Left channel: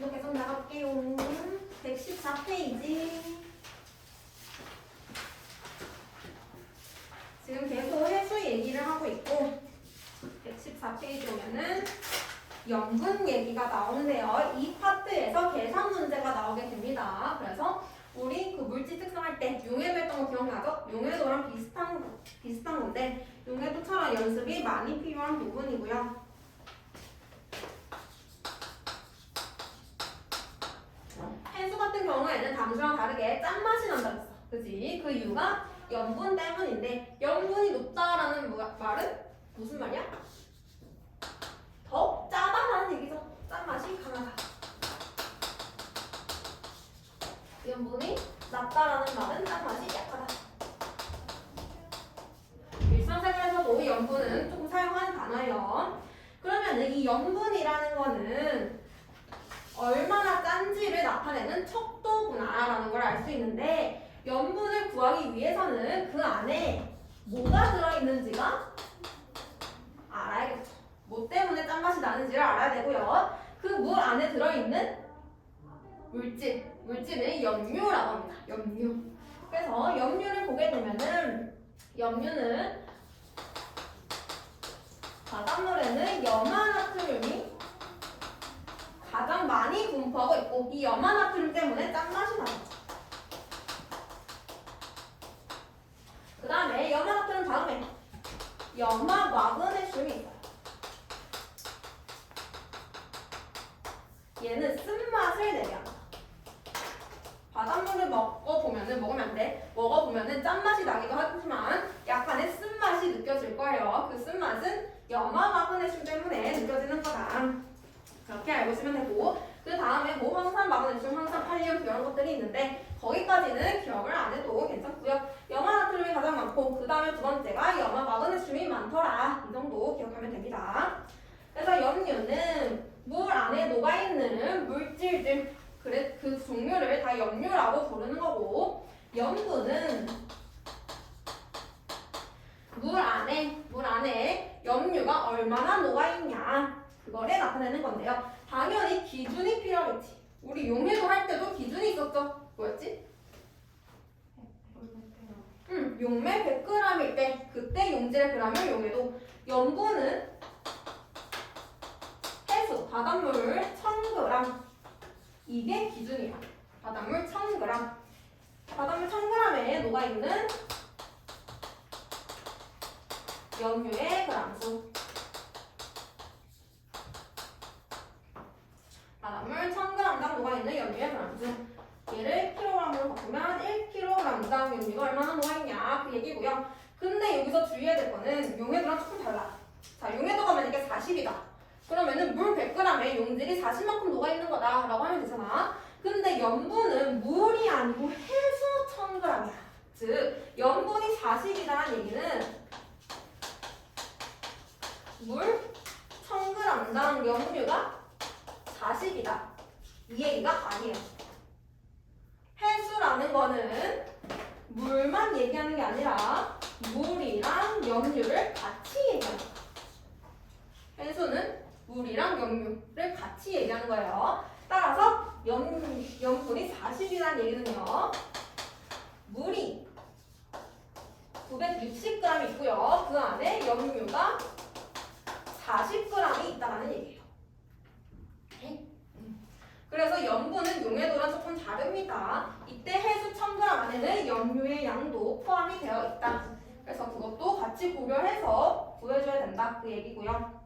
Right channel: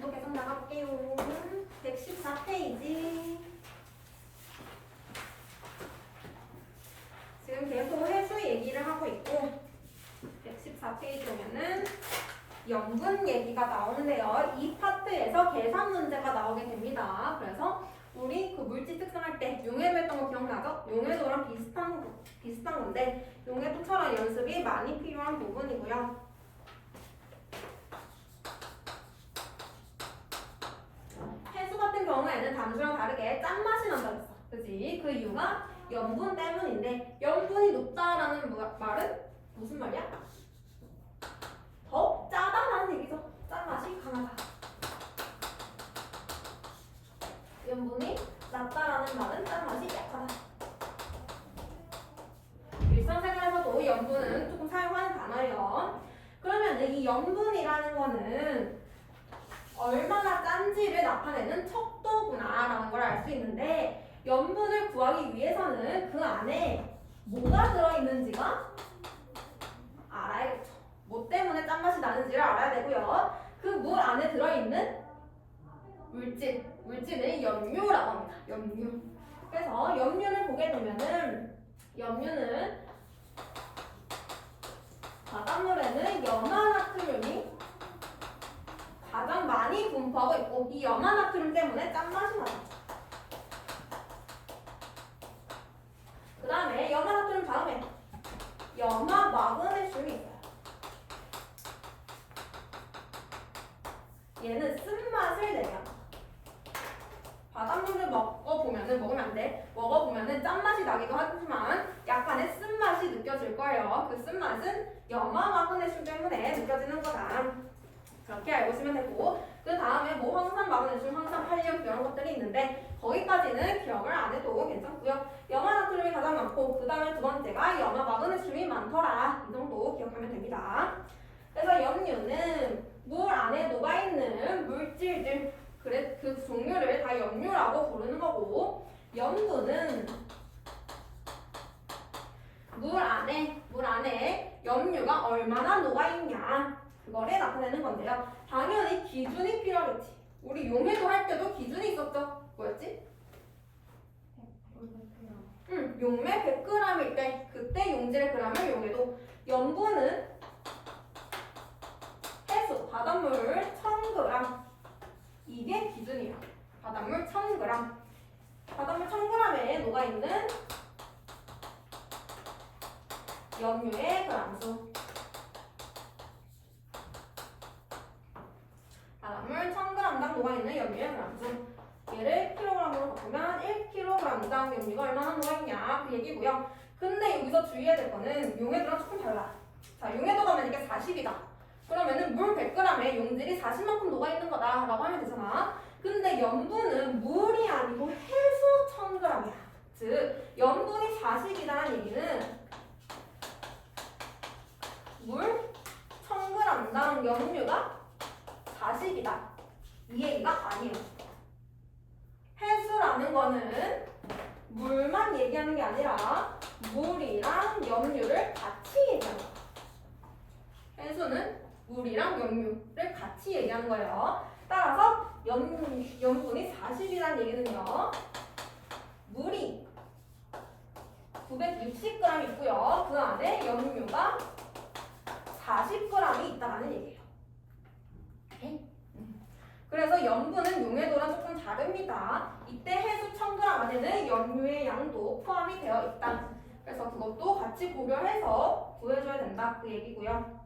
또 계속 나갈게요. 114페이지. 지금 계속 해수 얘기를 하고 있고 114페이지 오면은 염분 얘기가 나오는데요. 이 파트에서 계산 문제가 나오게 됩니다. 그래서 우리 그 물질 특성할 때 용해도 했던 거 기억나죠? 용해도랑 비슷한 건데 용해도처럼 연습이 많이 필요한 부분이고요. 해수 같은 경우에는 담수랑 다르게 짠맛이 난다고 했어. 그지? 그 이유가 염분 때문인데 염분이 높다라는 말은 무슨 말이야? 더 짜다라는 얘기죠. 짠맛이 강하다. 염분이 낮다라는 말은 짠맛이 약하다. 일상생활에서도 염분은 조금 사용하는 단어예요. 그러면 이 염분이라는 거는 얼마나 짠지를 나타내는 척도구나라는 걸 알 수 있는데 염분을 구하기 위해서는 그 안에 뭐가 들어있는지가 알아야겠죠. 뭐 때문에 짠맛이 나는지를 알아야 되고요. 그 물 안에 들어있는 물질을 염료라고 합니다. 염료. 그래서 염료를 보게 되면은 염료는 바닷물에는 염화나트륨이 가장 많이 분포하고 있고 이 염화나트륨 때문에 짠맛이 나요. 그 다음에 염화나트륨 다음에 염화마그네슘이 있어요. 얘는 쓴맛을 내요. 바닷물을 먹으면 안 돼. 먹어보면은 짠맛이 나기도 하지만 약간의 쓴맛이 느껴질 거예요. 그 쓴맛은 염화마그네슘 때문에 느껴지는 거다. 그렇게 알고 있으면 되고 그 다음에 뭐 황산 마그네슘, 황산 칼륨 이런 것들이 있는데 거기까지는 기억을 안 해도 괜찮고요. 염화나트륨이 가장 많고 그 다음에 두 번째가 염화마그네슘이 많더라. 이 정도 기억하면 됩니다. 그래서 염료는 물 안에 녹아있는 물질들 그래 그 종류를 다 염료라고 부르는 거고 염분은 물 안에 염료가 얼마나 녹아있냐 그거를 나타내는 건데요. 당연히 기준이 필요하겠지. 우리 용해도 할 때도 기준이 있었죠. 뭐였지? 용매 100g일 때 그때 용질의 g을 용해도 염분은 해수 바닷물 1000g 이게 기준이에요. 바닷물 1000g 바닷물 1000g에 녹아있는 염료의 g수 바닷물 1000g당 녹아있는 염료의 g수 얘를 kg으로 바꾸면 1kg당 염료가 얼마나 녹아있냐 그 얘기고요. 근데 여기서 주의해야 될 거는 용해도랑 조금 달라. 자, 용해도가 만약에 40이다. 그러면은 물 100g에 용질이 40만큼 녹아있는 거다 라고 하면 되잖아. 근데 염분은 물이 아니고 해수 1000g이야. 즉 염분이 40이다라는 얘기는 물 1000g당 염료가 40이다. 이 얘기가 아니에요. 해수라는 거는 물만 얘기하는 게 아니라 물이랑 염료를 같이 얘기하는 거야. 해수는 물이랑 염료를 같이 얘기하는 거예요. 따라서 염분이 40이라는 얘기는요. 물이 960g 있고요. 그 안에 염료가 40g이 있다는 얘기예요. 그래서 염분은 용해도랑 조금 다릅니다. 이때 해수 1000g 안에는 염료의 양도 포함이 되어 있다. 그래서 그것도 같이 고려해서 구해줘야 된다. 그 얘기고요.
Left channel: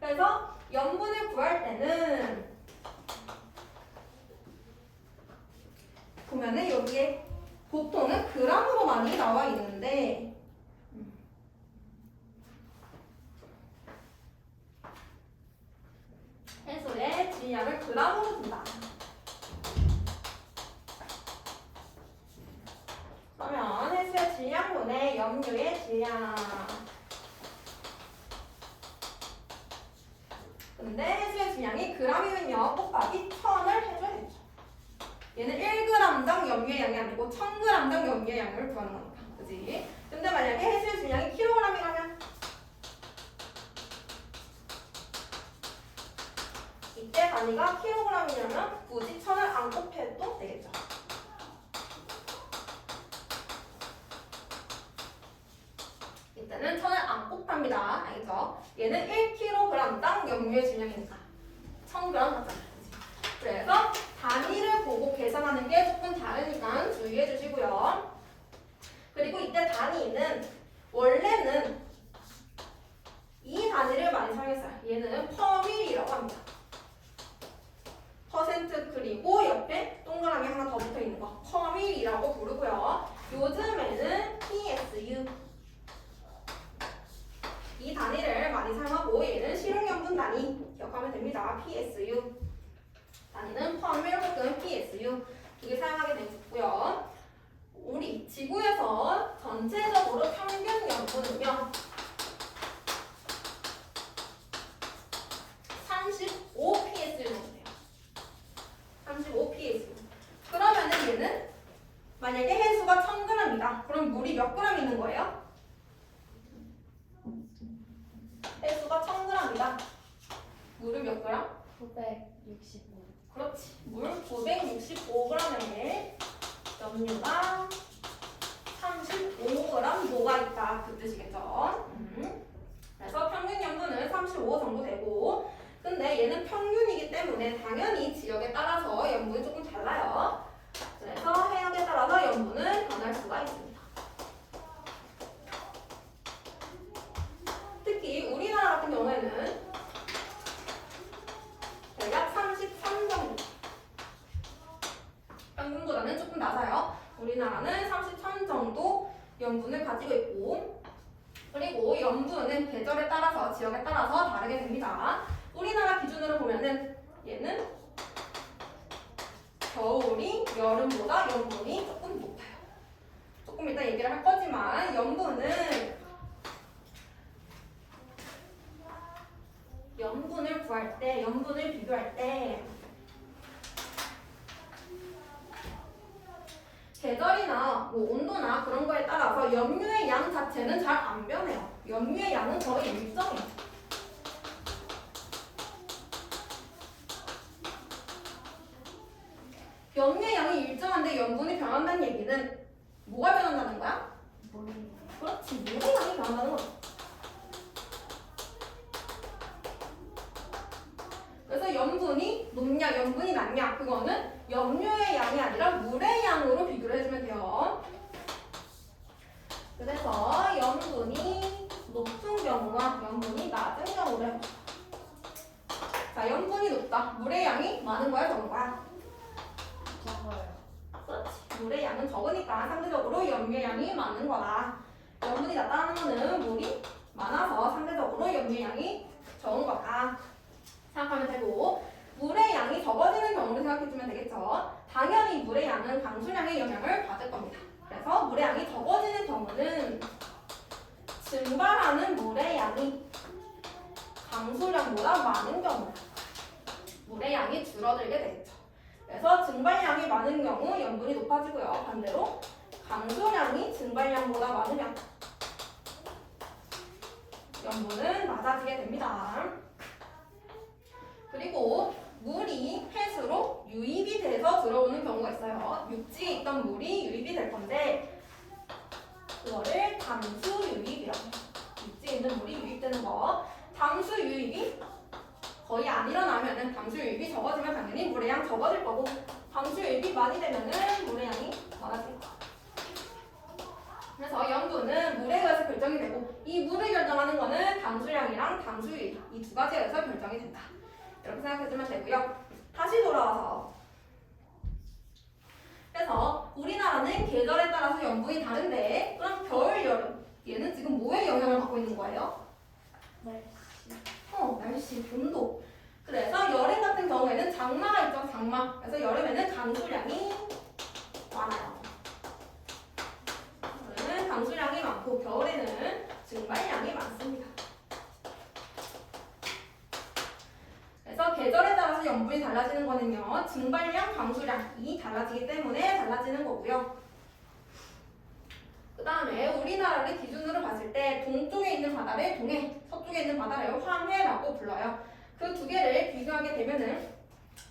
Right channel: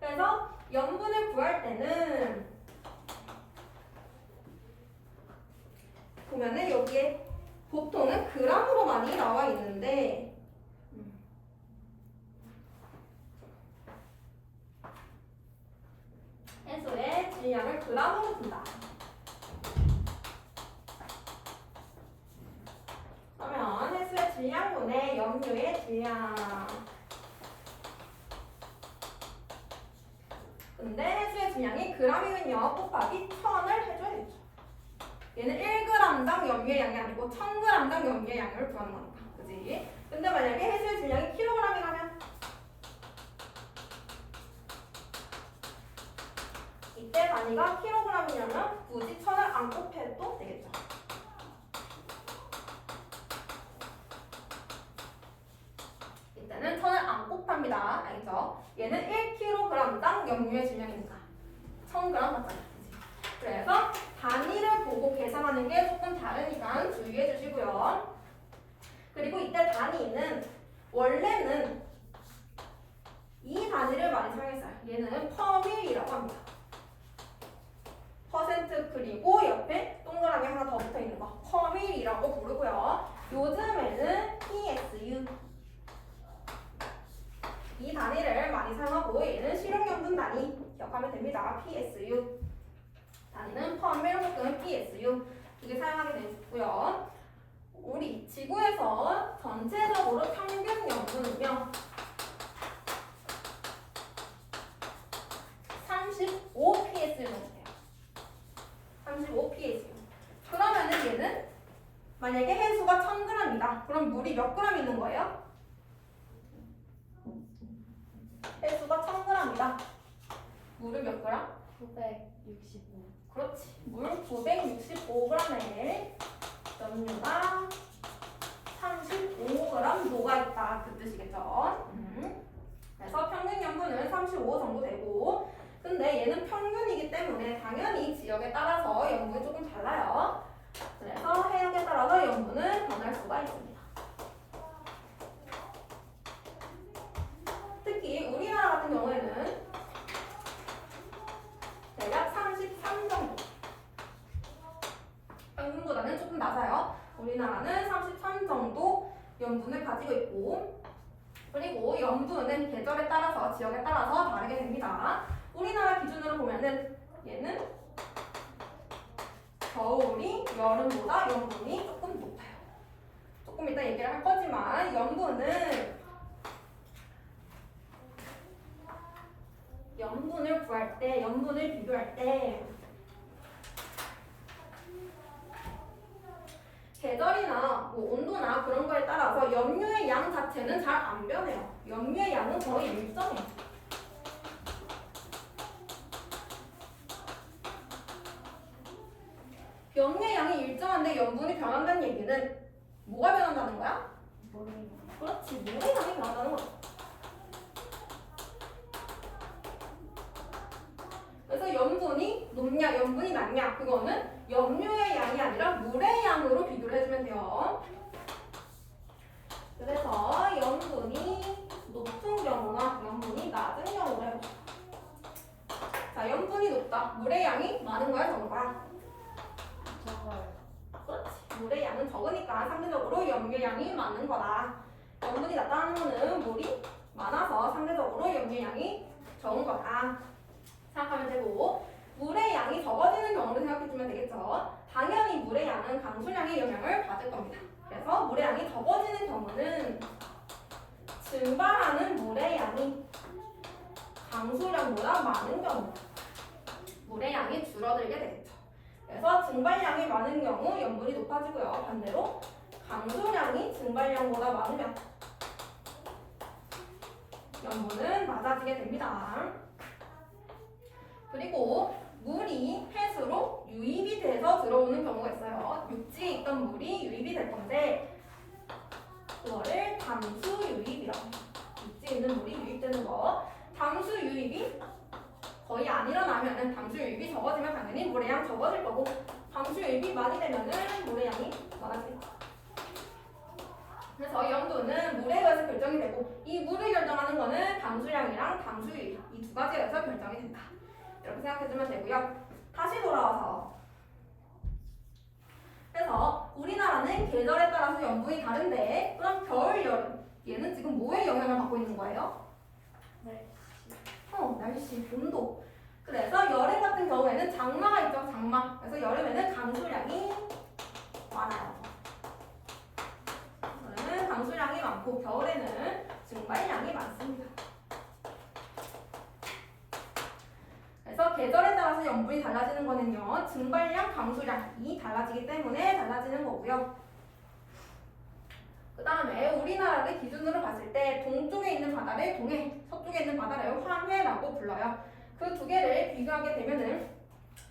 그래서 염분을 구할 때는 보면은 여기에 보통은 g으로 많이 나와 있는데 해수의 질량을 g으로 준다. 그러면 해수의 질량분의 염료의 질량. 근데 해수의 질량이 g이면요 곱하기 1000을 해줘야겠죠. 얘는 1g당 염료의 양이 아니고 1000g당 염료의 양을 구하는 거니까. 그지? 근데 만약에 해수의 질량이 kg이라면 이때 단위가 킬로그램이냐면 굳이 천을 안 곱해도 되겠죠. 이때는 천을 안 곱합니다. 알겠죠? 얘는 1kg당 염료의 질량이니까 1000g 맞잖아요. 그래서 단위를 보고 계산하는 게 조금 다르니까 주의해 주시고요. 그리고 이때 단위는 원래는 이 단위를 많이 사용했어요. 얘는 퍼밀이라고 합니다. 퍼센트 그리고 옆에 동그라미 하나 더 붙어 있는 거 퍼밀이라고 부르고요. 요즘에는 PSU 이 단위를 많이 사용하고 얘는 실용연분 단위 기억하면 됩니다. PSU 단위는 퍼밀 혹은 PSU 두 개 사용하게 되어 있고요. 우리 지구에서 전체적으로 평균 연분은요 35psu 정도 돼요. 35psu. 그러면은 얘는 만약에 해수가 1000g이다. 그럼 물이 몇 g 있는 거예요? 해수가 1000g이다. 물은 몇 g? 965. 그렇지. 물 965g에 염료가 35g 녹아 있다. 그 뜻이겠죠. 그래서 평균 염분은 35 정도 되고, 근데 얘는 평균이기 때문에 당연히 지역에 따라서 염분이 조금 달라요. 그래서 해역에 따라서 염분은 변할 수가 있습니다. 특히 우리나라 같은 경우에는 대략 33 정도. 평균보다는 조금 낮아요. 우리나라는 33 정도 염분을 가지고 있고, 그리고 염분은 계절에 따라서 지역에 따라서 다르게 됩니다. 우리나라 기준으로 보면은 얘는 겨울이 여름보다 염분이 조금 높아요. 조금 이따 얘기를 할 거지만 염분을 구할 때, 염분을 비교할 때 계절이나 뭐 온도나 그런 거에 따라서 염료의 양 자체는 잘 안 변해요. 염료의 양은 거의 일정해요. 염료의 양이 일정한데 염분이 변한다는 얘기는 뭐가 변한다는 거야? 물이. 그렇지, 물의 양이 변한다는 거죠. 그래서 염분이 높냐, 염분이 낮냐, 그거는 염료의 양이 아니라 물의 양으로 비교를 해주면 돼요. 그래서 염분이 높은 경우나 염분이 낮은 경우를 해보자. 자, 염분이 높다. 물의 양이 많은 거야, 적은 거야? 적어요. 그렇지. 물의 양은 적으니까 상대적으로 염료의 양이 많은 거다. 염분이 낮다는 거는 물이 많아서 상대적으로 염료의 양이 적은 거다. 생각하면 되고, 물의 양이 적어지는 경우를 생각해주면 되겠죠. 당연히 물의 양은 강수량의 영향을 받을 겁니다. 그래서 물의 양이 적어지는 경우는 증발하는 물의 양이 강수량보다 많은 경우 물의 양이 줄어들게 되겠죠. 그래서 증발량이 많은 경우 염분이 높아지고요. 반대로 강수량이 증발량보다 많으면 염분은 낮아지게 됩니다. 그리고 물이 폐수로 유입이 돼서 들어오는 경우가 있어요. 육지에 있던 물이 유입이 될 건데 그거를 담수 유입이라고 해요. 육지에 있는 물이 유입되는 거. 담수 유입이 거의 안 일어나면은 담수 유입이 적어지면 당연히 물의 양 적어질 거고, 담수 유입이 많이 되면은 물의 양이 많아질 거예요. 그래서 염분은 물에 의해서 결정이 되고, 이 물을 결정하는 거는 담수량이랑 담수 유입 이 두 가지에 의해서 결정이 된다. 이렇게 생각해주면 되고요. 다시 돌아와서, 그래서 우리나라는 계절에 따라서 염분이 다른데, 그럼 겨울, 여름 얘는 지금 뭐에 영향을 받고 있는 거예요? 날씨, 온도. 그래서 여름 같은 경우에는 장마가 있죠, 장마. 그래서 여름에는 강수량이 많아요. 여름에는 강수량이 많고 겨울에는 증발량이 많습니다. 그래서 계절에 따라서 염분이 달라지는 거는요, 증발량, 강수량이 달라지기 때문에 달라지는 거고요. 그 다음에 우리나라를 기준으로 봤을 때 동쪽에 있는 바다를 동해, 서쪽에 있는 바다를 황해라고 불러요. 그 두 개를 비교하게 되면은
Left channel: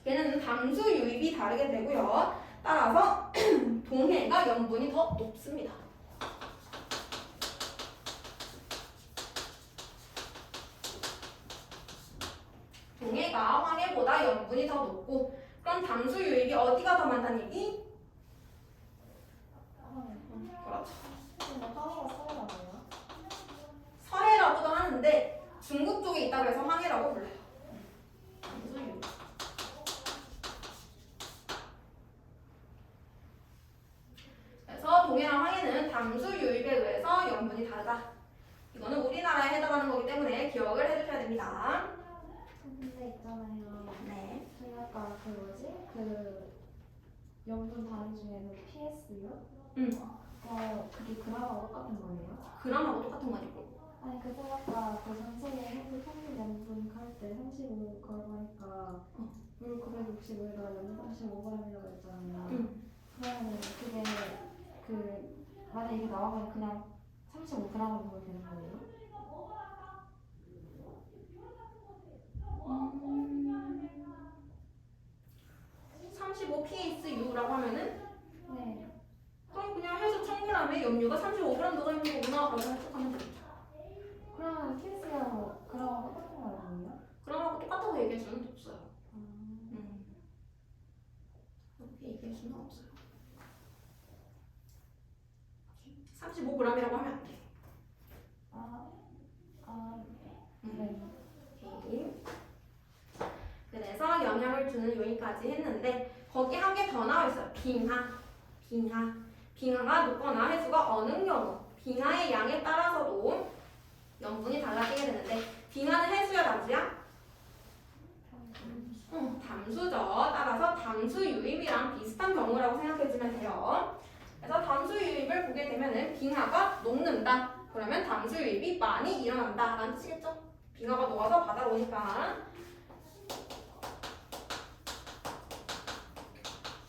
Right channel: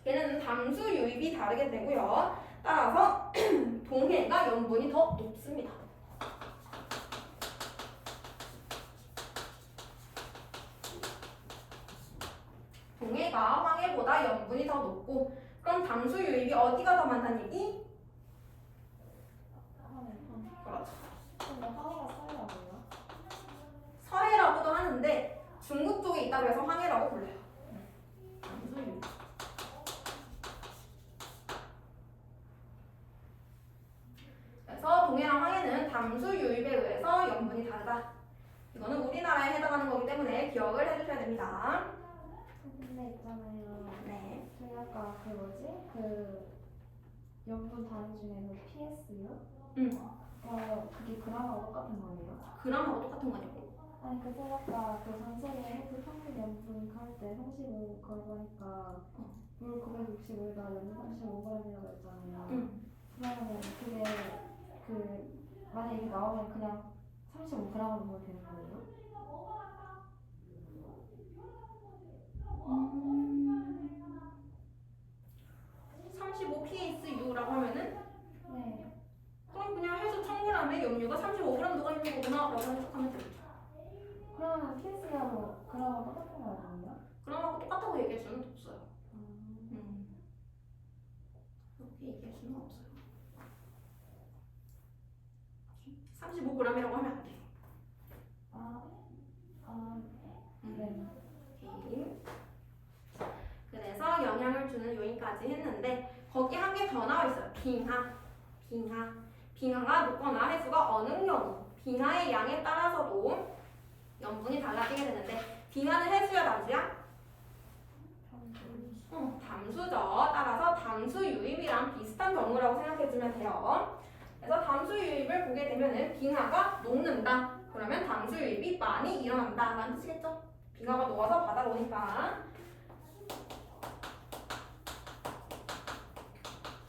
얘는 담수 유입이 다르게 되고요. 따라서 동해가 염분이 더 높습니다. 동해가 황해보다 염분이 더 높고, 그럼 담수 유입이 어디가 더 많다는 얘기? 그렇죠. 근데 황해가 서해라고요? 서해라고도 하는데 중국 쪽에 있다고 해서 황해라고 불러요. 담수 유입. 그래서 동해랑 황해는 담수 유입에 의해서 염분이 다르다. 이거는 우리나라에 해당하는 거기 때문에 기억을 해주셔야 됩니다. 근데 있잖아요. 네. 저희 아까 그 뭐지? 그 염분 단위 중에 그 PS요? 그게 그람하고 똑같은 거예요? 그람하고 똑같은 거냐고. 아니 그 제가 아까 그 전생에 해부 평균 염분 할때 35 걸고 하니까 물 965에다가 염분 35g이라고 했잖아요. 그러면은 그게 그 만약 이게 나오면 그냥 35g으로 보면 되는 거예요? 35 PSU라고 하면은 네. 그럼 그냥 해서 1000g에 염류가 35g 녹아 있는 거구나 라고 해석하면 되죠. 그러면 PS가 뭐 그ram하고 똑같은 거 아니에요? 그럼하고 똑같다고 얘기할 수는 없어요. 그렇게 얘기할 수는 없어요. 35g이라고 하면 안 돼. 네. 오케이. 그래서 영향을 주는 요인까지 했는데 거기 한 개 더 나와 있어요. 빙하가 높거나 해수가 어느 경우 빙하의 양에 따라서도 염분이 달라지게 되는데 빙하는 해수야 담수야? 담수죠. 따라서 담수 유입이랑 비슷한 경우라고 생각해주면 돼요. 그래서 담수 유입을 보게 되면은 빙하가 녹는다. 그러면 담수 유입이 많이 일어난다 라는 뜻이겠죠? 빙하가 녹아서 바다로 오니까.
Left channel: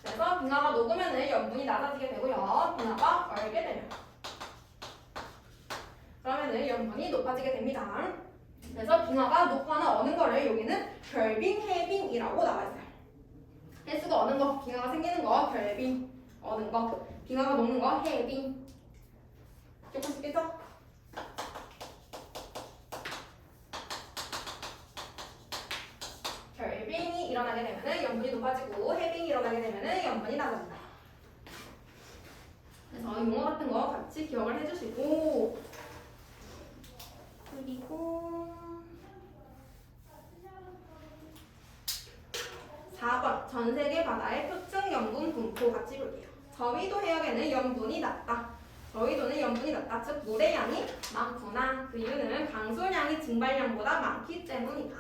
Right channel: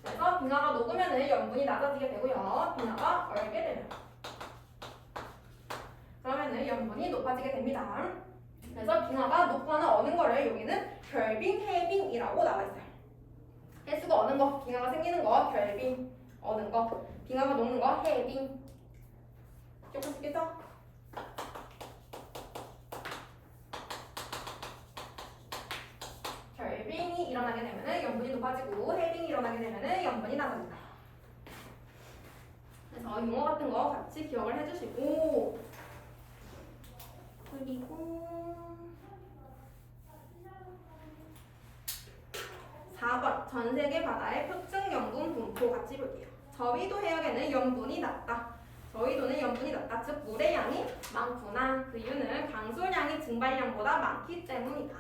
그래서 빙하가 녹으면은 염분이 낮아지게 되고요. 빙하가 얼게 되면 그러면은 염분이 높아지게 됩니다. 그래서 빙하가 녹거나 어는 거를 여기는 결빙, 해빙이라고 나와 있어요. 해수가 어는 거, 빙하가 생기는 거, 결빙, 어는 거, 빙하가 녹는 거, 해빙. 조금씩 겠죠? 결빙이 일어나게 되면은 염분이 높아지고 해빙이 일어나게 되면은 염분이 낮아진다. 그래서 용어 같은 거 같이 기억을 해주시고 그리고 4번 전 세계 바다의 표층 염분 분포 같이 볼게요. 저위도 해역에는 염분이 낮다. 저위도는 염분이 낮다. 즉 물의 양이 많구나. 그 이유는 강수량이 증발량보다 많기 때문이다.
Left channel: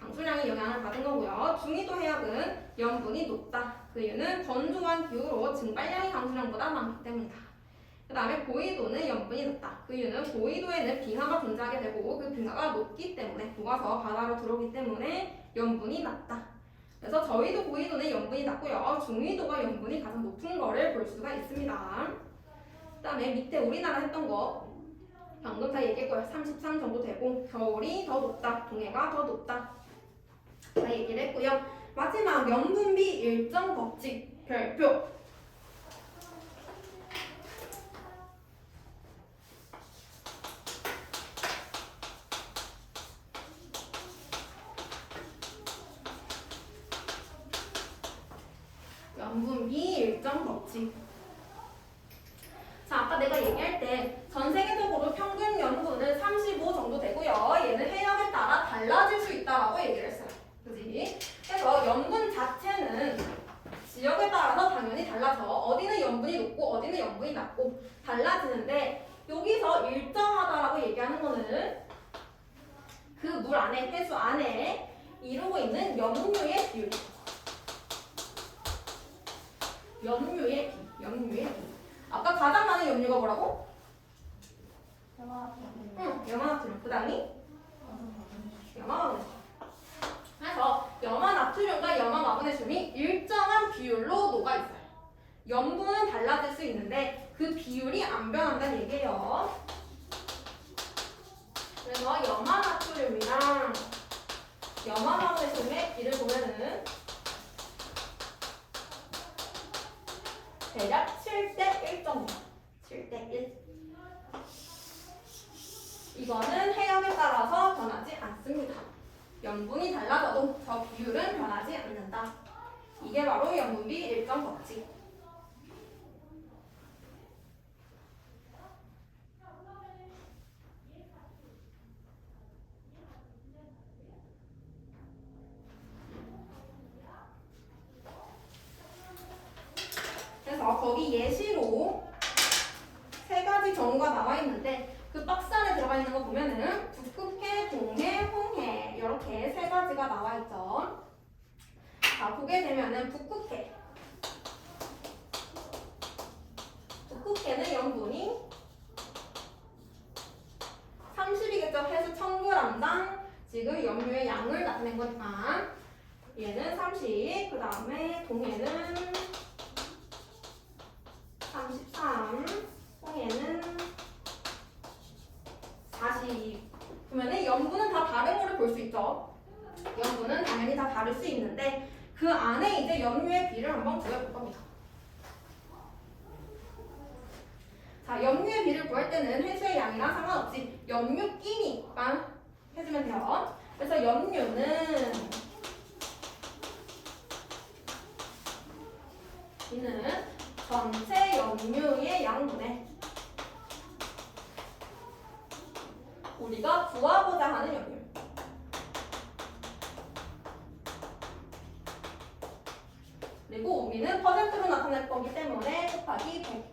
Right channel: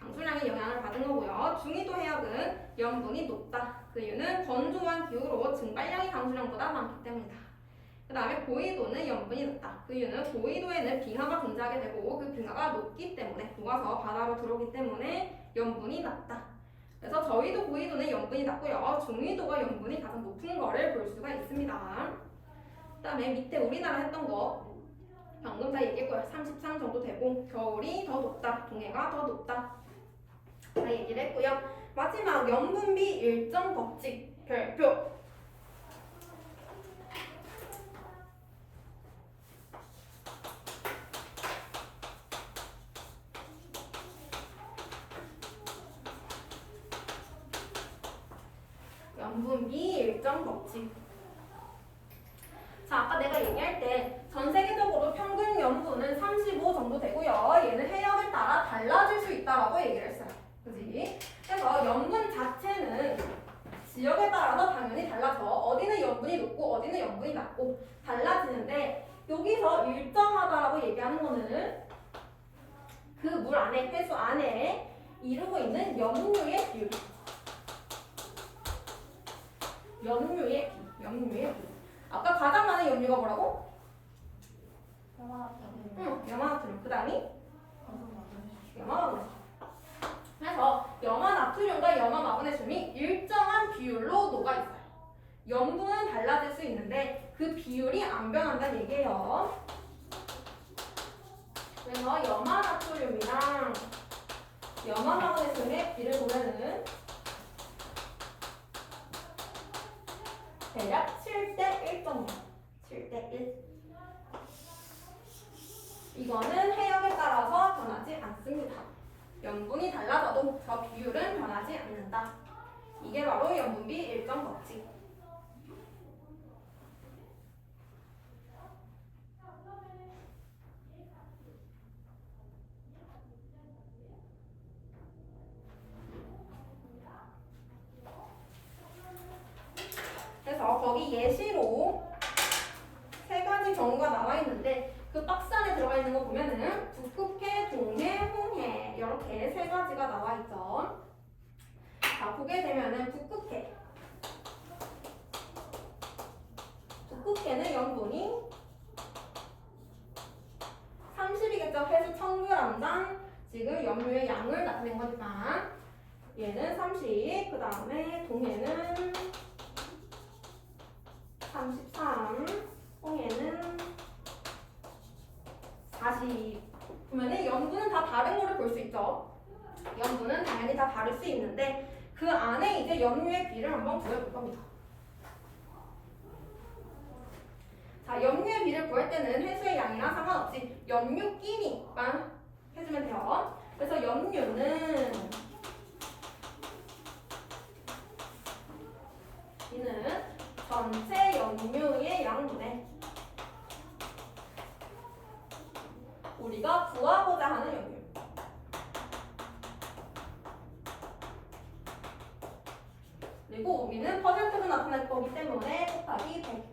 강수량이 영향을 받은 거고요. 중위도 해역은 염분이 높다. 그 이유는 건조한 기후로 증발량이 강수량보다 많기 때문이다. 그 다음에 고위도는 염분이 높다. 그 이유는 고위도에는 빙하가 존재하게 되고 그 빙하가 높기 때문에 녹아서 바다로 들어오기 때문에 염분이 낮다. 그래서 저위도 고위도는 염분이 낮고요. 중위도가 염분이 가장 높은 거를 볼 수가 있습니다. 그 다음에 밑에 우리나라 했던 거 방금 다 얘기했고요. 33 정도 되고 겨울이 더 높다. 동해가 더 높다. 다 얘기를 했고요. 마지막 염분비 일정 법칙 별표. 염분비 일정 법칙. 자, 아까 내가 얘기할 때 전 세계적으로 평균 염분은 35 정도 되고요. 얘는 해역에 따라 달라질 수 있다라고 얘기를 했어요. 그지? 그래서 염분 자체는 지역에 따라서 당연히 달라서 어디는 염분이 높고 어디는 염분이 낮고 달라지는데 여기서 일정하다라고 얘기하는 거는 그 물 안에, 해수 안에 이루고 있는 염류의 비율. 염류의 비. 아까 가장 많은 염류가 뭐라고? 염화나트륨. 그 다음이? 염화마그네슘. 그래서 염화나트륨과 염화마그네슘이 일정한 비율로 녹아있어요. 염분은 달라질 수 있는데 그 비율이 안 변한다는 얘기예요. 그래서 염화나트륨이랑 염화 마그네슘의 비를 보면은 대략 7대 1 정도. 7대 1. 이거는 해역에 따라서 변하지 않습니다. 염분이 달라져도 저 비율은 변하지 않는다. 이게 바로 염분비 일정 법칙. 그래서 거기 예시로 세 가지 경우가 나와 있는데 그 박스 안에 들어가 있는 거 보면은 북극해, 동해, 홍해 이렇게 세 가지가 나와 있죠. 자, 보게 되면은 북극해는 염분이 30이겠죠. 해수 1000g당 지금 염료의 양을 나타낸 거니까 얘는 30, 그 다음에 동해는 33, 홍해는 40. 그러면 염분은 다 다른 거를 볼 수 있죠. 염분은 당연히 다 다를 수 있는데 그 안에 이제 염료의 비를 한번 구해볼 겁니다. 자, 염료의 비를 구할 때는 해수의 양이랑 상관없이 염료끼리만 해주면 돼요. 그래서 염료는 이는 전체 염료의 양분에 우리가 구하고자 하는 염료. 그리고 우리는 퍼센트로 나타낼 거기 때문에 곱하기 100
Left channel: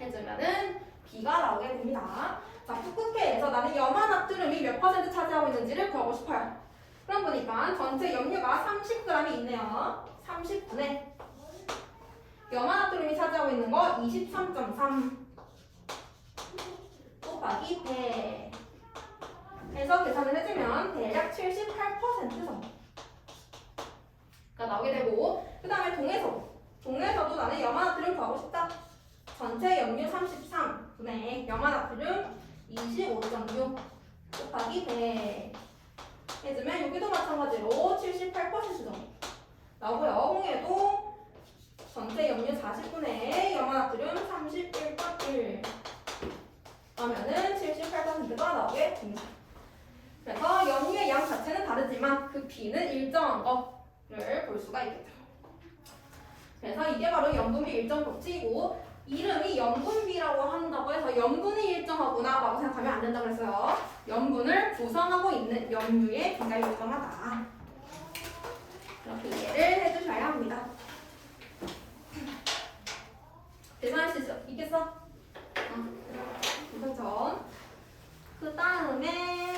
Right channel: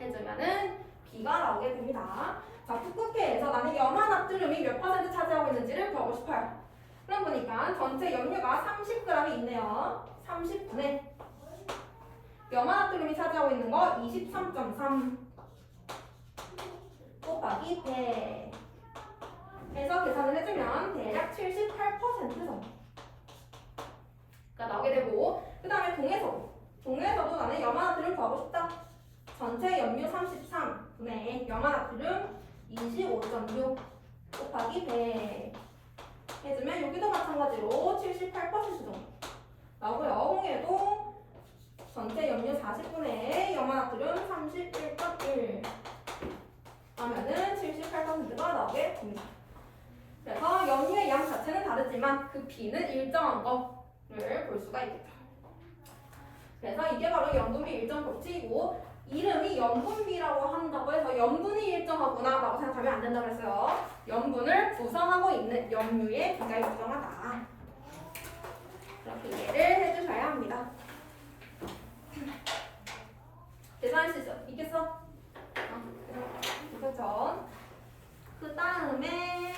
해주면은 B가 나오게 됩니다. 자, 북극해에서 나는 염화나트륨이 몇 퍼센트 차지하고 있는지를 구하고 싶어요. 그럼 보니까 전체 염료가 30g이 있네요. 30분의 염화나트륨이 차지하고 있는 거 23.3 곱하기 100 해서 계산을 해주면 대략 78% 정도가 나오게 되고 그 다음에 동해에서도 나는 염화나트륨 구하고 싶다. 전체 염료 33분의 염화나트륨 25.6 곱하기 100 해주면 여기도 마찬가지로 78% 정도 나오고요. 홍해도 전체 염료 40분의 염화나트륨 31.1 하면은 78%가 나오게 됩니다. 그래서 염료의 양 자체는 다르지만 그 비는 일정한 거를 볼 수가 있겠죠. 그래서 이게 바로 염분비 일정 법칙이고 이름이 염분비라고 한다고 해서 염분이 일정하구나 라고 생각하면 안 된다 그랬어요. 염분을 구성하고 있는 염료의 비가 일정하다. 이렇게 이해를 해주셔야 합니다. 계산할 수 있겠어? 그렇죠. 그 다음에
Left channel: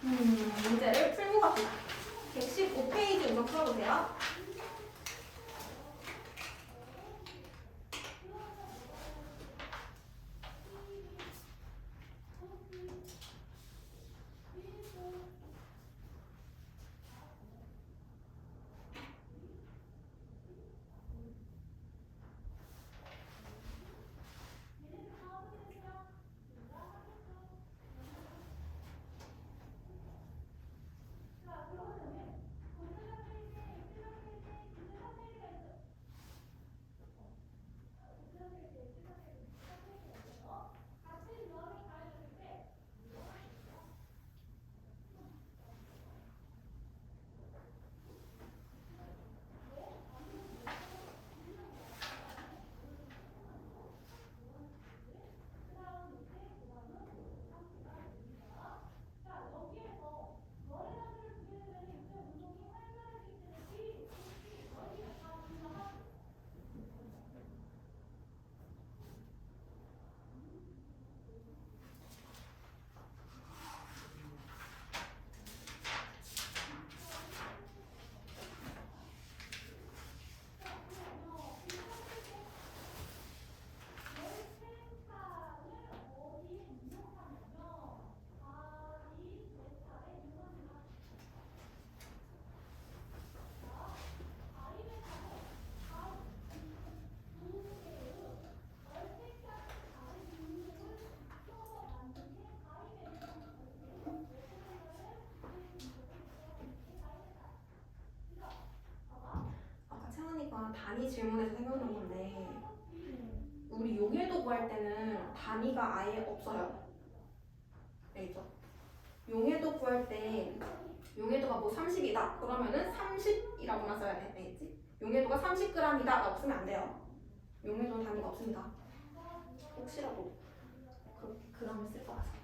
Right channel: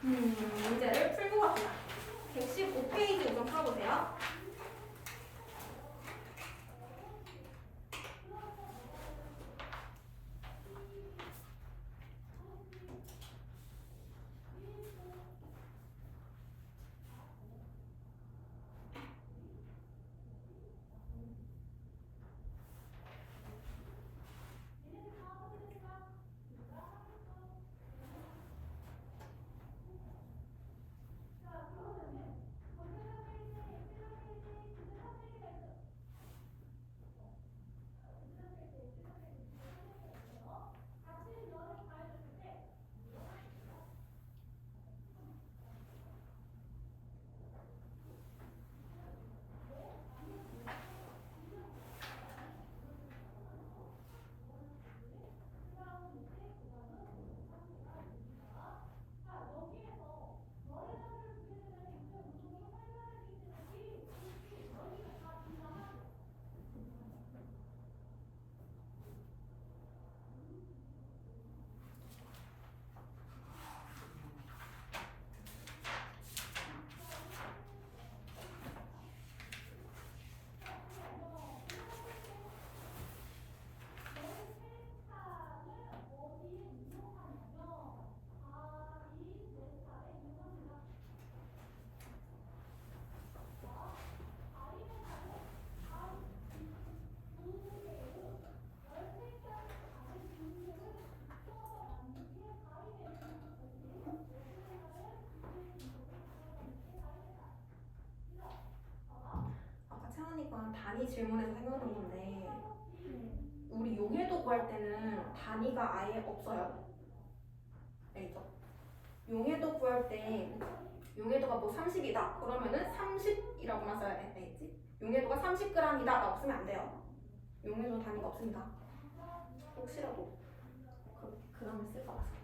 문제를 풀고 갑니다. 115페이지 우선 풀어보세요. 단위 질문에서 생각난 건데 우리 용해도 구할 때는 단위가 아예 없어요. 알겠죠? 용해도 구할 때 용해도가 뭐 30이다 그러면은 30이라고만 써야 돼. 알겠지? 용해도가 30g이다 라고 쓰면 안 돼요. 용해도 단위가 없습니다. 혹시라도 그ram을 쓸까 봐서.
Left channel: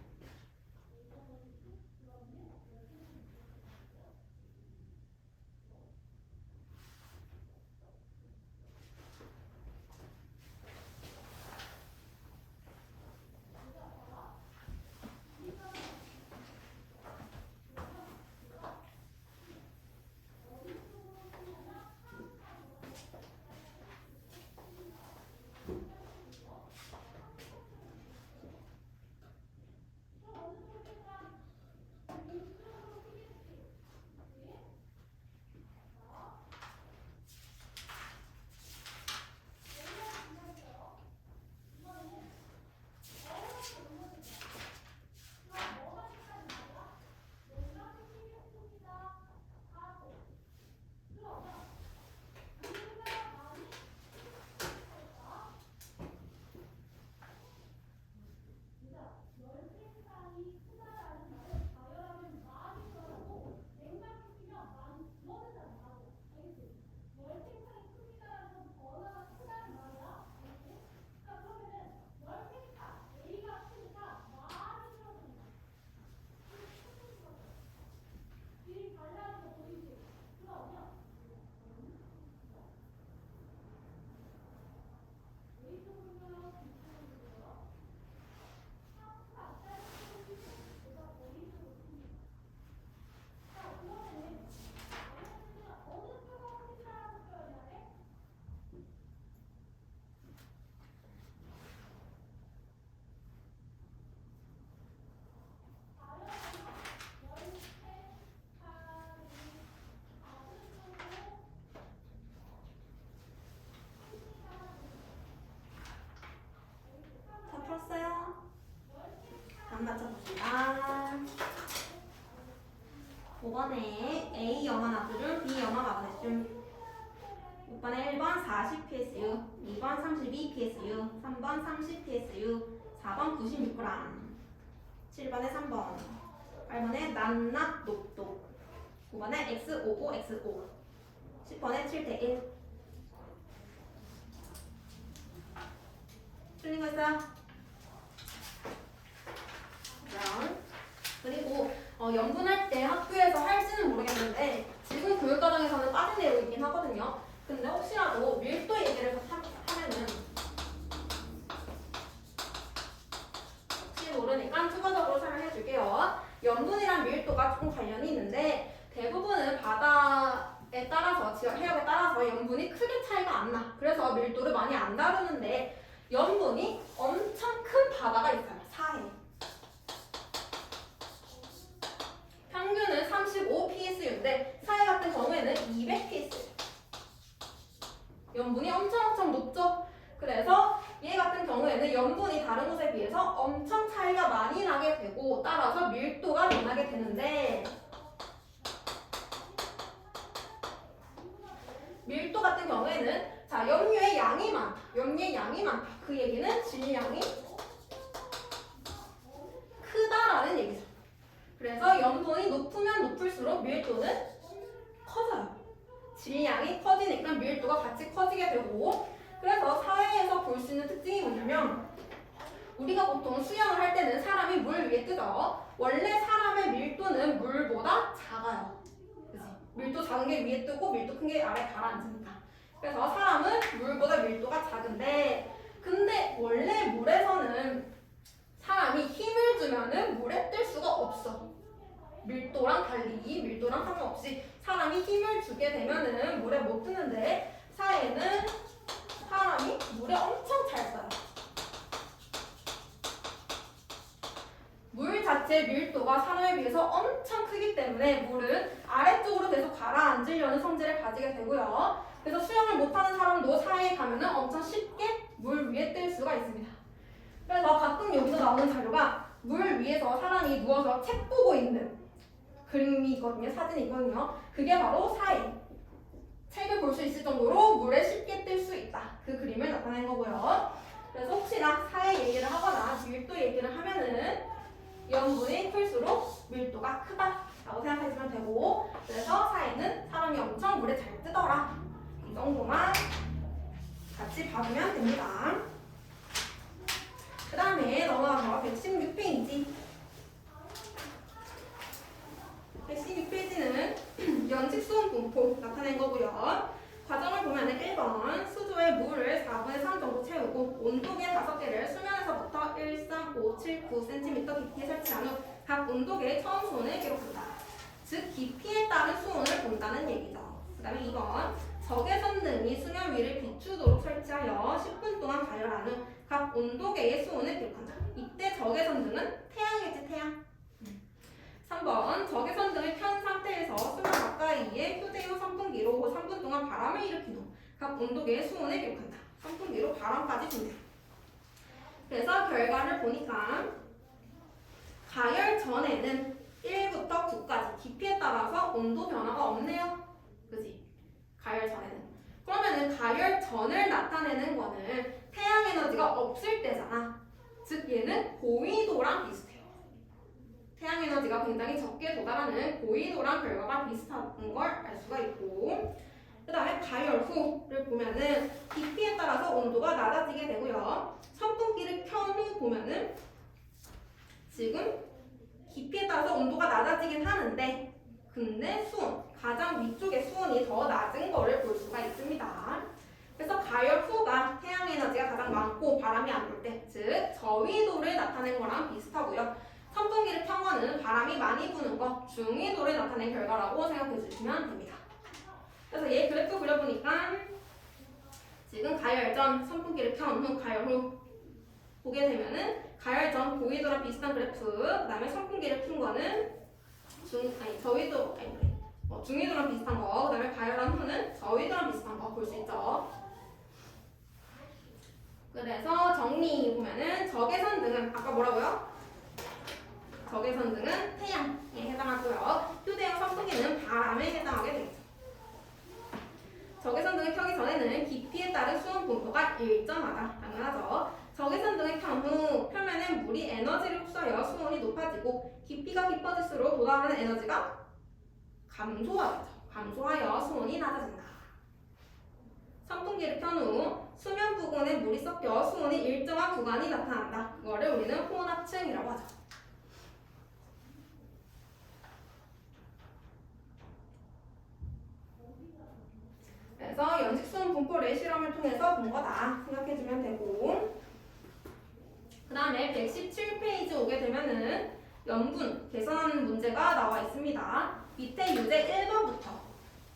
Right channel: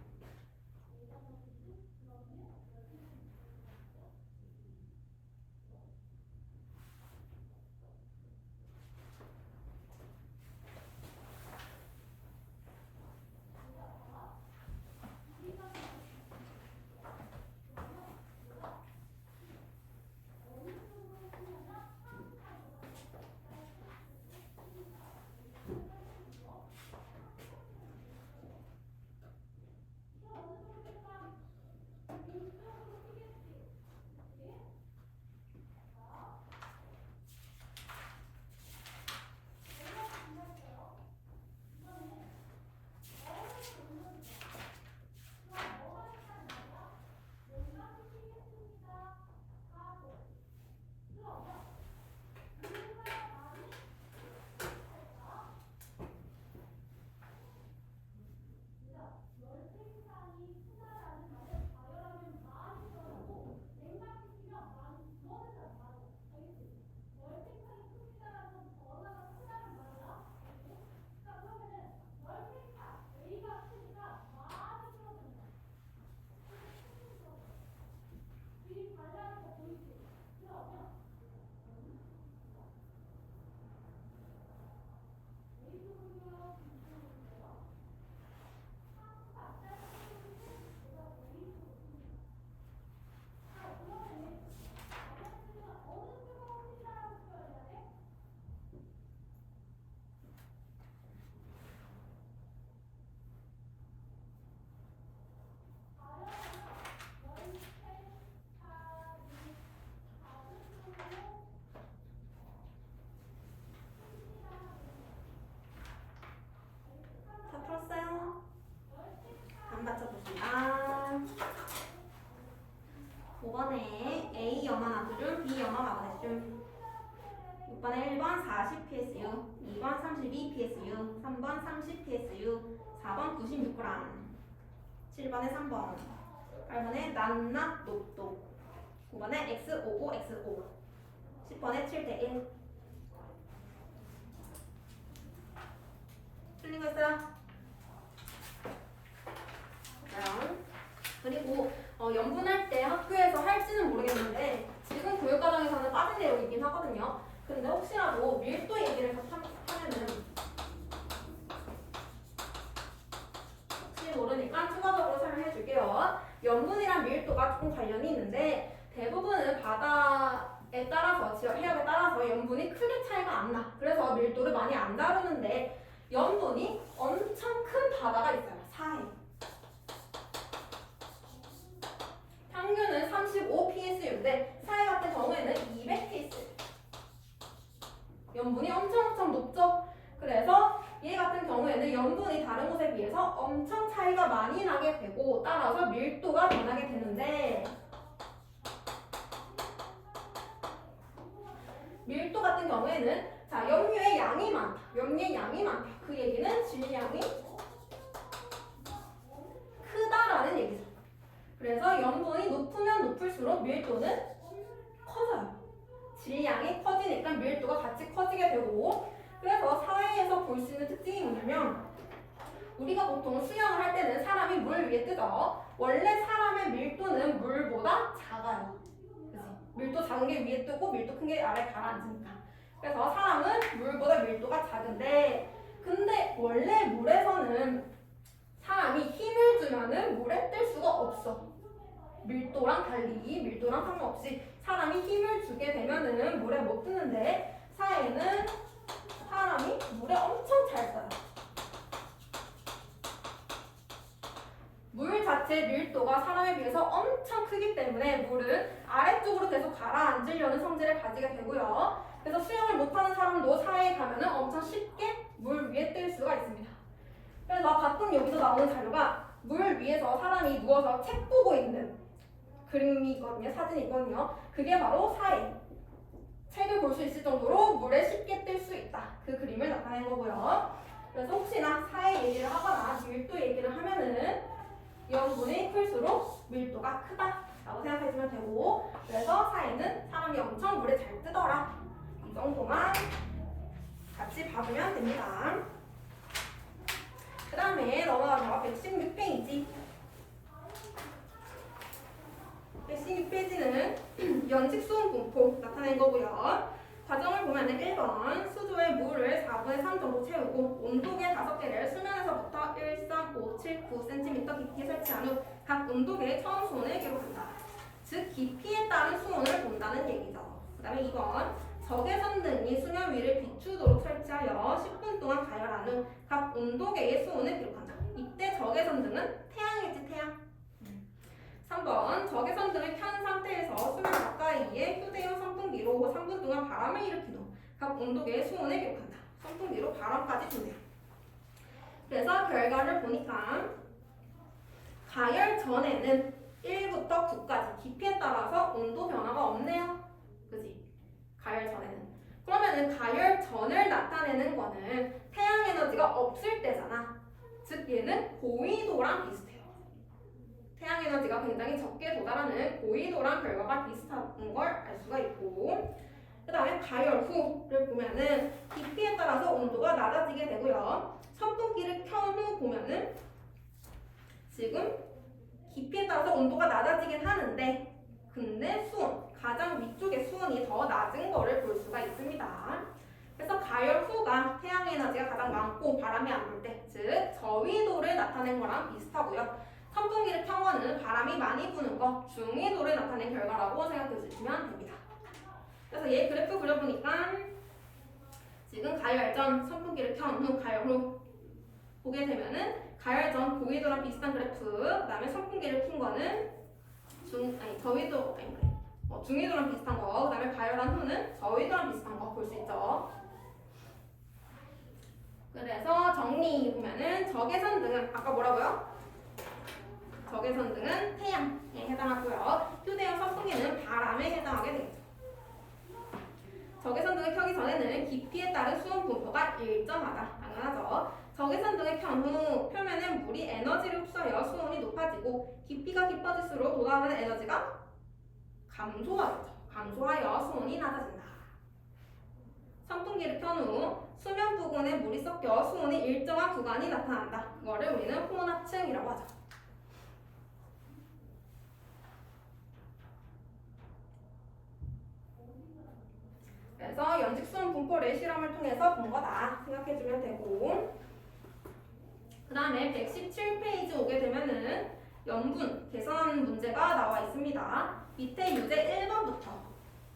맞춰봅시다. 5번에 A 염화 나트륨, B 염화 마그네슘. 6번에 1번 40 PSU, 2번 32 PSU, 3번 30 PSU, 4번 96g, 7번에 3번, 8번에 낱낱 녹독, 9번에 X55XO, 10번에 7대1. 틀린 거 있어요? 그리고 연분할 때 학교에서 할지는 모르겠는데 지금 교육과정에서는 빠진 내용이긴 하거든요. 근데 혹시라도 밀도 얘기를 하면은 혹시 모르니까 추가적으로 설명해 줄게요. 연분이랑 밀도가 조금 관련이 있는데 대부분은 바다에 따라서 해역에 따라서 연분이 크게 차이가 안 나. 그래서 밀도를 많이 안 다루는데 연분이 엄청 큰 바다가 있어요. 사해. 평균은 35 PSU인데 사해 같은 경우에는 200 PSU. 연분이 엄청 높죠? 그래서 얘 같은 경우에는 연분이 다른 곳에 비해서 엄청 차이가 많이 나게 되고 따라서 밀도가 변하게 되는데 밀도 같은 경우에는 자 염류의 양이 많다. 염류의 양이 많다. 그 얘기는 질량이 크다라는 얘기죠. 그래서 염분이 높으면 높을수록 밀도는 커져요. 질량이 커지니까 밀도가 같이 커지게 되고 그래서 사회에서 볼 수 있는 특징이 뭐냐면 우리가 보통 수영을 할 때는 사람이 물 위에 뜨죠. 원래 사람의 밀도는 물보다 작아요. 그치? 밀도 작은 게 위에 뜨고 밀도 큰 게 아래 가라앉으니까. 그래서 사람은 물보다 밀도가 작은데 근데 원래 물에서는 사람이 힘을 주면은 물에 뜰 수가 없어. 밀도랑 달리 밀도랑 상관없이 사람이 힘을 주게 되면은 물에 못 뜨는데 사회는 사람이 물에 엄청 잘 써요. 물 자체의 밀도가 사람에 비해서 엄청 크기 때문에 물은 아래쪽으로 계속 가라앉으려는 성질을 가지게 되고요. 그래서 수영을 못하는 사람도 사회에 가면은 엄청 쉽게 물 위에 뜰 수가 있습니다. 그래서 가끔 여기서 나오는 자료가 물 위에서 사람이 누워서 책 보고 있는 그림이 있거든요. 사진이 있거든요. 그게 바로 사해. 책을 볼 수 있을 정도로 물에 쉽게 뜰 수 있다. 그 그림을 나타낸 거고요. 그래서 혹시나 사의 얘기를 하거나 밀도 얘기를 하면은 염분이 클수록 밀도가 크다라고 생각하시면 되고, 그래서 사에는 사람이 엄청 물에 잘 뜨더라. 이 정도만 같이 봐주면 됩니다. 그 다음에 넘어가서 116페이지. 116페이지는 연식 수온 분포 나타낸 거고요. 과정을 보면 1번 수조에 물을 4분의 3 정도 채우고 온도계 5개를 수면에서부터 1, 3, 5, 7, 9cm 깊이에 설치한 후 각 온도계의 처음 수온을 기록한다. 즉 깊이에 따른 수온을 본다는 얘기죠. 그 다음에 2번 적외선 등이 수면 위를 비추도록 설치하여 10분 동안 가열한 후 각 온도계의 수온을 기록한다. 이때 적외선 등은 태양이지 태양. 3번 적외선 등을 켠 상태에서 수면 가까이에 휴대용 선풍기로 3분 동안 바람을 일으킨 후 각 온도계의 수온을 기록한다. 선풍기로 바람까지 분대요. 그래서 결과를 보니까 가열 전에는 1부터 9까지 깊이에 따라서 온도 변화가 없네요. 그지? 가열 전에는. 그러면은 가열 전을 나타내는 거는 태양 에너지가 없을 때잖아. 즉 얘는 고위도랑 비슷해요. 태양 에너지가 굉장히 적게 도달하는 고위도랑 결과가 비슷한 걸 알 수가 있고, 그 다음에 가열 후를 보면은 깊이에 따라서 온도가 낮아지게 되고요. 선풍기를 켠 후 보면은 지금 깊이에 따라서 온도가 낮아지긴 하는데, 근데 수온, 가장 위쪽의 수온이 더 낮은 거를 볼 수가 있습니다. 그래서 가열 후가 태양 에너지가 가장 많고 바람이 안 불 때, 즉 저위도를 나타낸 거랑 비슷하고요. 선풍기를 켠 거는 바람이 많이 부는 거, 중위도를 나타낸 결과라고 생각해 주시면 됩니다. 그래서 얘 그래프 그려보니까 지금 가열 전 선풍기를 켠 후, 가열 후 보게 되면은 가열 전 고위도랑 비슷한 그래프, 그 다음에 선풍기를 킨 거는 저위도, 중위도랑 비슷한 거, 그 다음에 가열한 후는 저위도랑 비슷한 거 볼 수 있죠. 그래서 정리 보면은 적외선 등은 아까 뭐라고요? 적외선 등은 태양에 해당하고요. 휴대용 선풍기는 바람에 해당하게 되겠죠. 적외선 등을 켜기 전에는 깊이에 따른 수온 분포가 일정하다. 당연하죠. 적외선 등을 켠 후 표면에 물이 에너지를 흡수하여 수온이 높아지고 깊이가 깊어질수록 도달하는 에너지가 감소하여 수온이 낮아진다. 선풍기를 켠 후 수면 부근에 물이 섞여 수온이 일정한 구간이 나타난다. 그거를 우리는 혼합층이라고 하죠. 그래서 연식 수온 분포를 실험을 통해서 본 거다 생각해주면 되고, 그 다음에 117페이지 오게 되면은 염분 계산하는 문제가 나와 있습니다. 밑에 유제 1번부터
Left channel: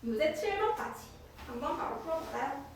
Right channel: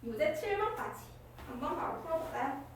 유제 7번까지 한번 바로 풀어볼까요?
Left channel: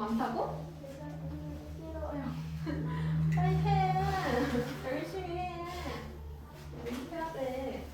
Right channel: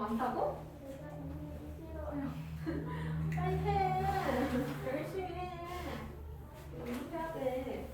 많다고? 싫어요. 빨리 해. 열심히 해. 연습해야 돼.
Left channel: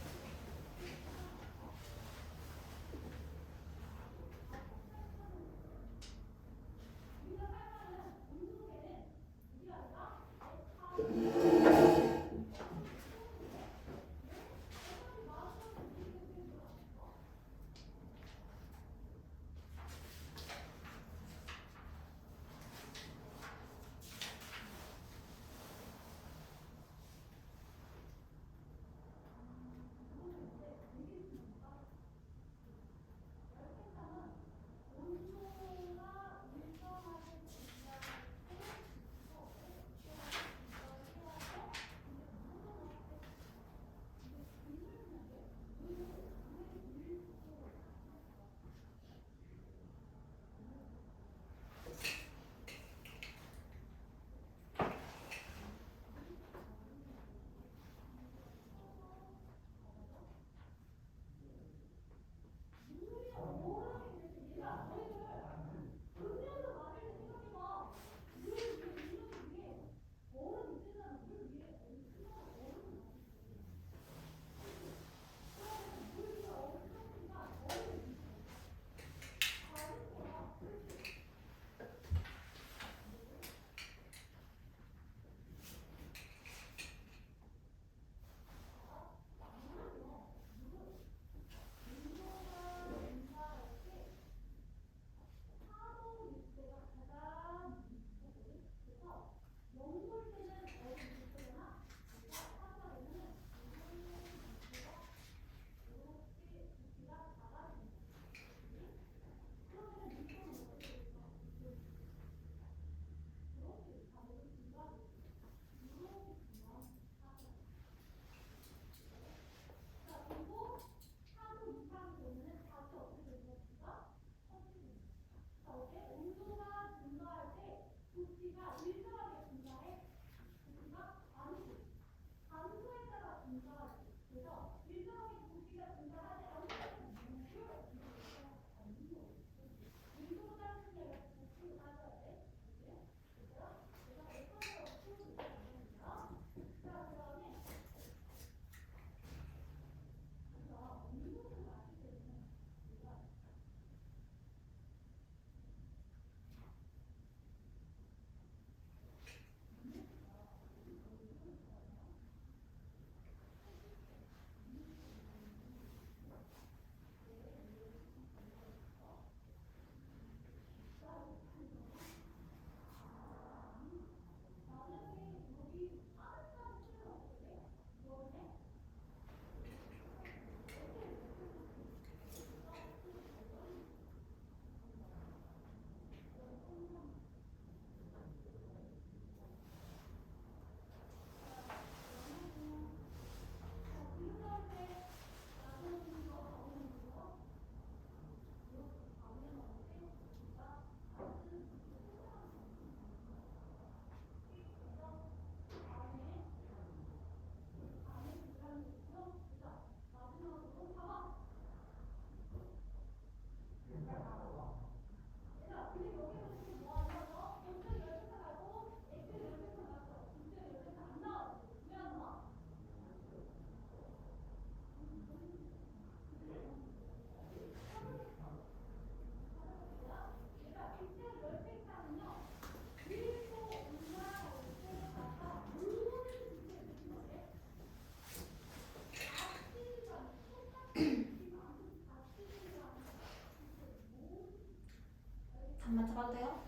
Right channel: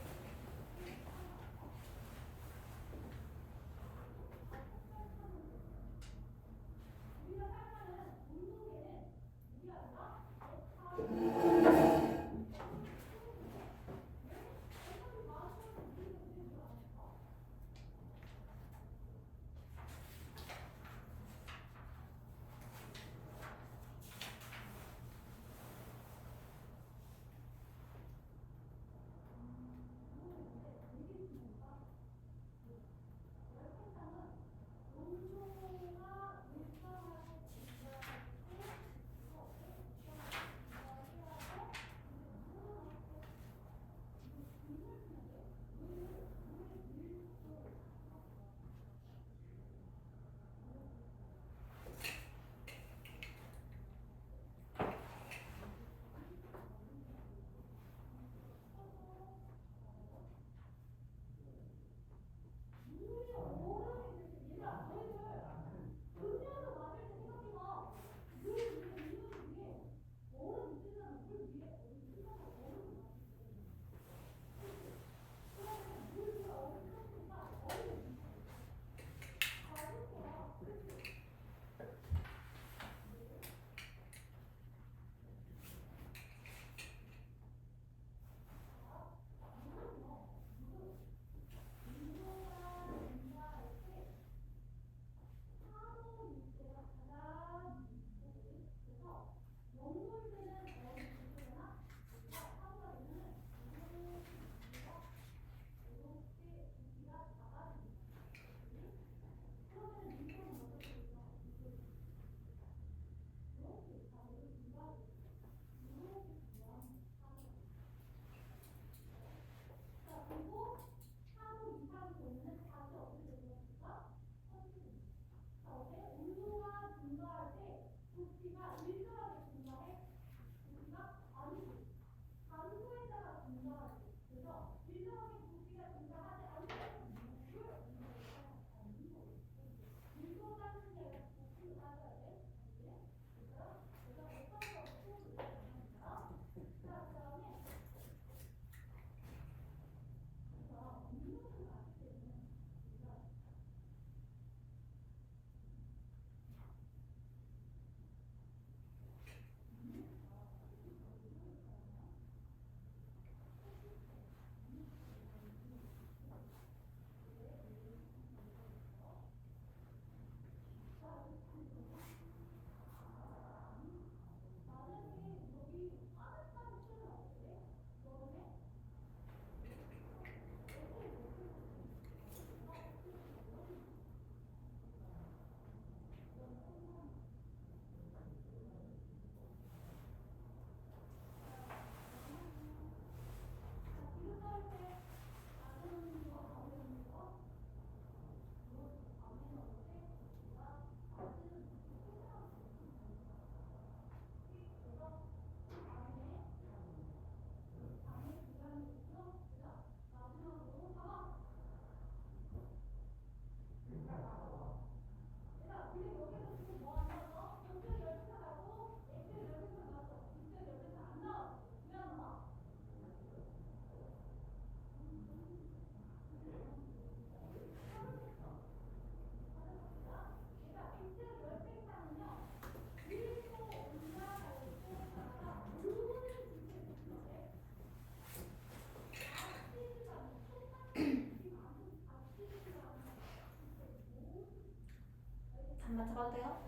잠 맞춰봐도 돼요?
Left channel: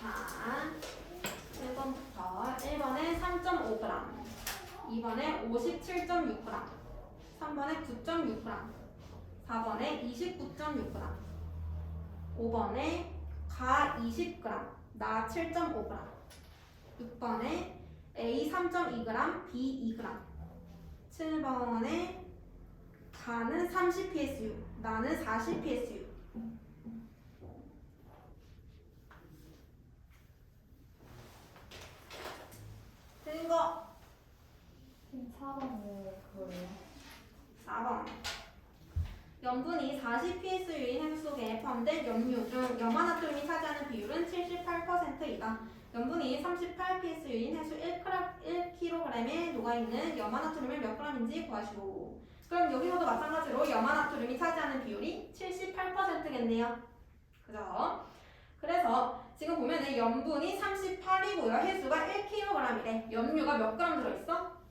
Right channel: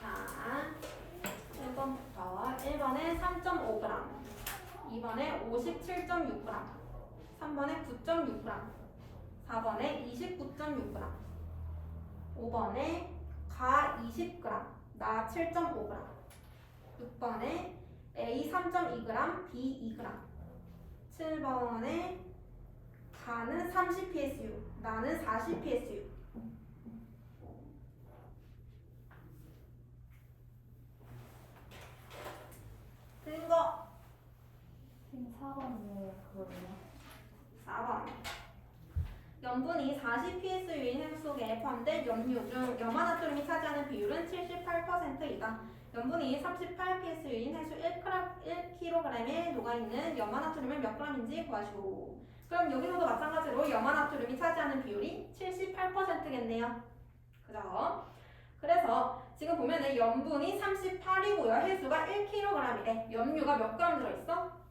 자, 1번부터 1번에 3.5g, 2번에 57.6g, 3번에 9.6g, 4번에 29.6g, 5번에 가 20g, 나 7.5g, 6번에 A 3.2g, B 2g, 7번에 가는 30psu, 나는 40psu. 틀린 거 4번은 그거예요. 4번. 염분이 40psu인 해수 속에 포함된 염류 중 염화나트륨이 차지하는 비율은 78%이다. 염분이 38psu인 해수 1kg에 녹아있는 염화나트륨을 몇 g인지 구하시오. 그럼 여기서도 마찬가지로 염화나트륨이 차지하는 비율이 78%겠네요. 그죠? 그래서 지금 보면은 염분이 38이고요. 해수가 1kg이래. 염류가 몇 g 들어있어?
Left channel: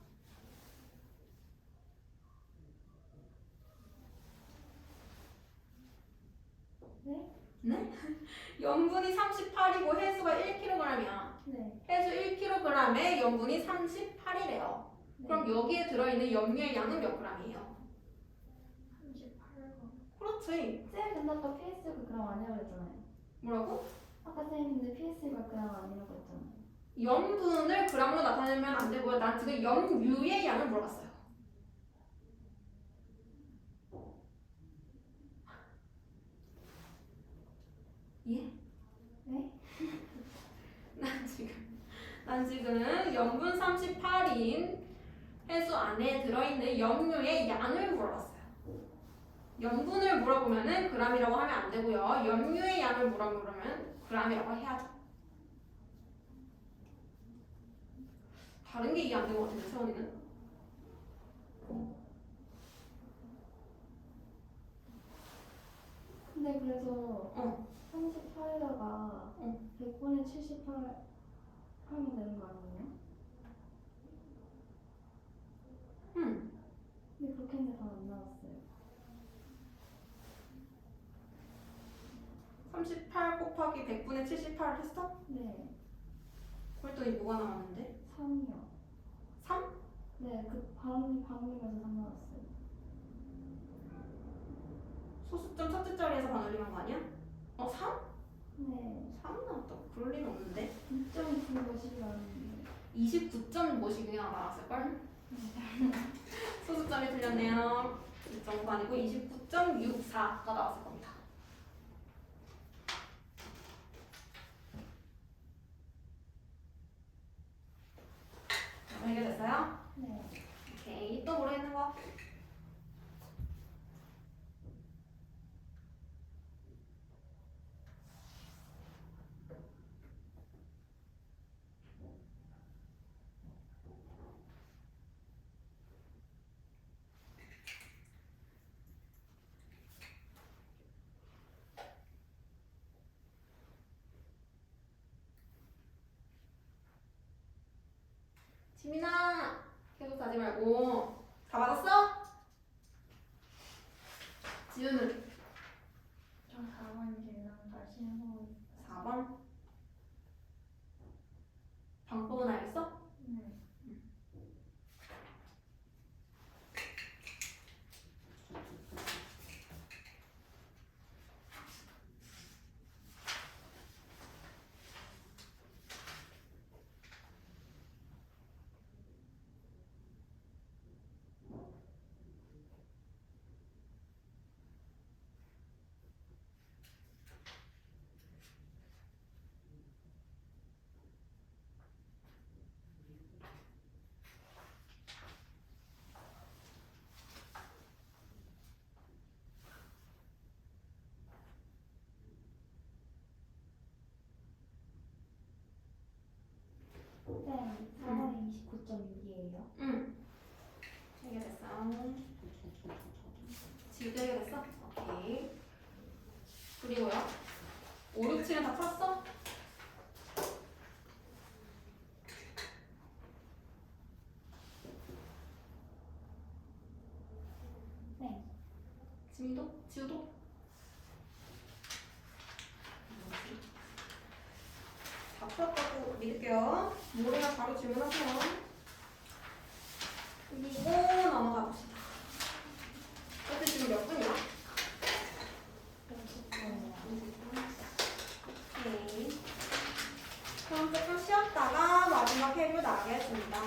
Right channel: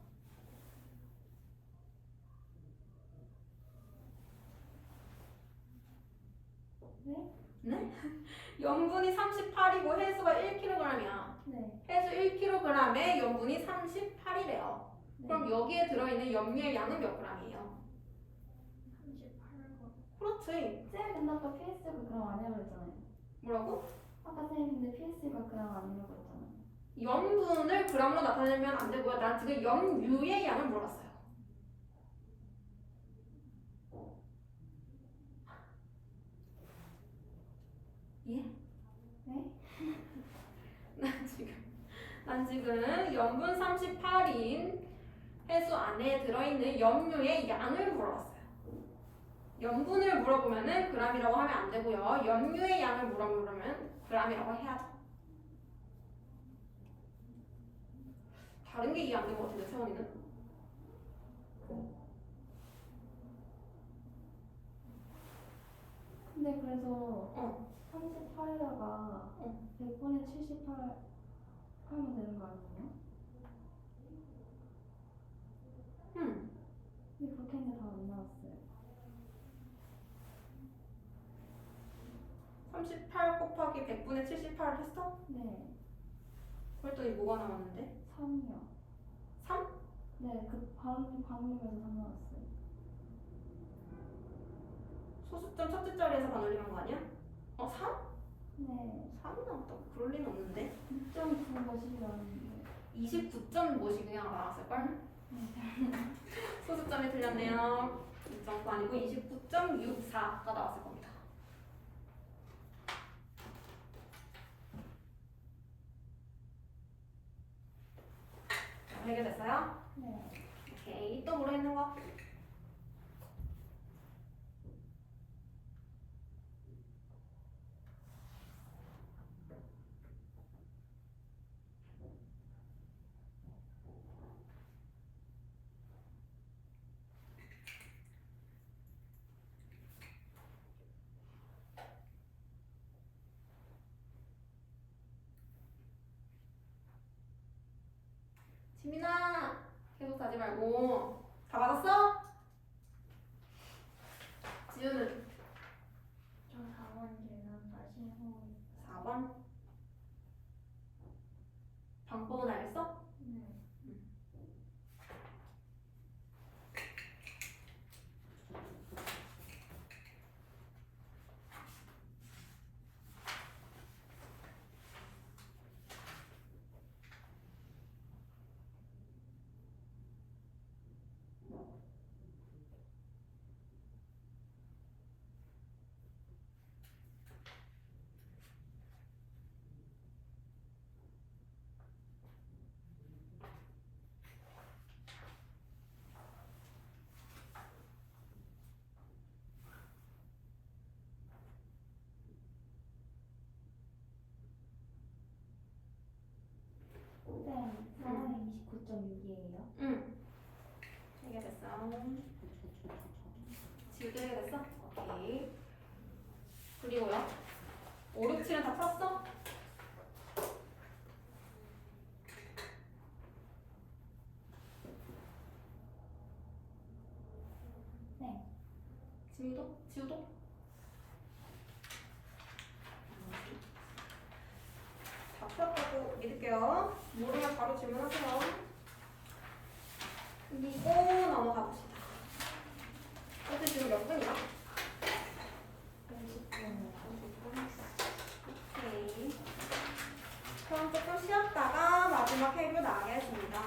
네? 네? 염분이 38이고 해수가 1kg이야. 네. 해수 1kg에 염분이 38이래요. 그럼 여기에 들어있는 염류의 양은 몇 g이에요? 38거. 그렇지. 쌤, 근데 아까 PS가 그럼 아니라고 했잖아요. 뭐라고? 아까 쌤 근데 PS가 그럼 아니라고 했잖아요. 염분을 g으로 나타내면 안 되고요. 난 지금 염류의 양을 물어봤어요. 예? 네? 난 지금 염분 38인 해수 안에 들어있는 염류의 양을 물어봤어요. 염분을 물어보면은 g이라고 하면 안 되고요. 염류의 양을 물어보면 g이라고 해야죠. 다른 게 이해 안 된 것 같은데 세원이는? 근데 그래서 38에다가 100분의 78 하면 되는 거 아니에요? 근데 그렇게 했는데 다 안 나왔어요. 38 곱하기 100분의 78을 했어? 네. 그랬더니 뭐가 나왔는데? 3이요. 3? 네, 그 방금에서 3 나왔어요. 소수점 첫째 자리에서 반올림한 거 아니야? 3? 네. 3 나왔다고? 그럴 리는 없는데? 6.9 것이 나왔는데. 29.5씩 그냥 나왔을걸? 소수점이 틀렸네요. 2.9 아니고 29.64가 나왔을 겁니다. 해결됐어요? 네. 오케이. 또 모르겠는 거? 지민아, 계속 자지 말고. 다 받았어? 지우는? 저 4번 질문 다시 해보고 4번? 방법은 알겠어? 네. 쌤, 4번이 29.6이에요. 응. 해결됐어. 지우도 해결됐어? 오케이. 그리고요. 5, 6, 7은 다 풀었어? 네. 지우도? 지우도? 다 풀었다고 믿을게요. 모르면 바로 질문하세요. 그리고 넘어가 봅시다. 그때 지금 몇 분이야? 50분이요. 오케이. 그럼 조금 쉬었다가 마지막 해류 나가겠습니다.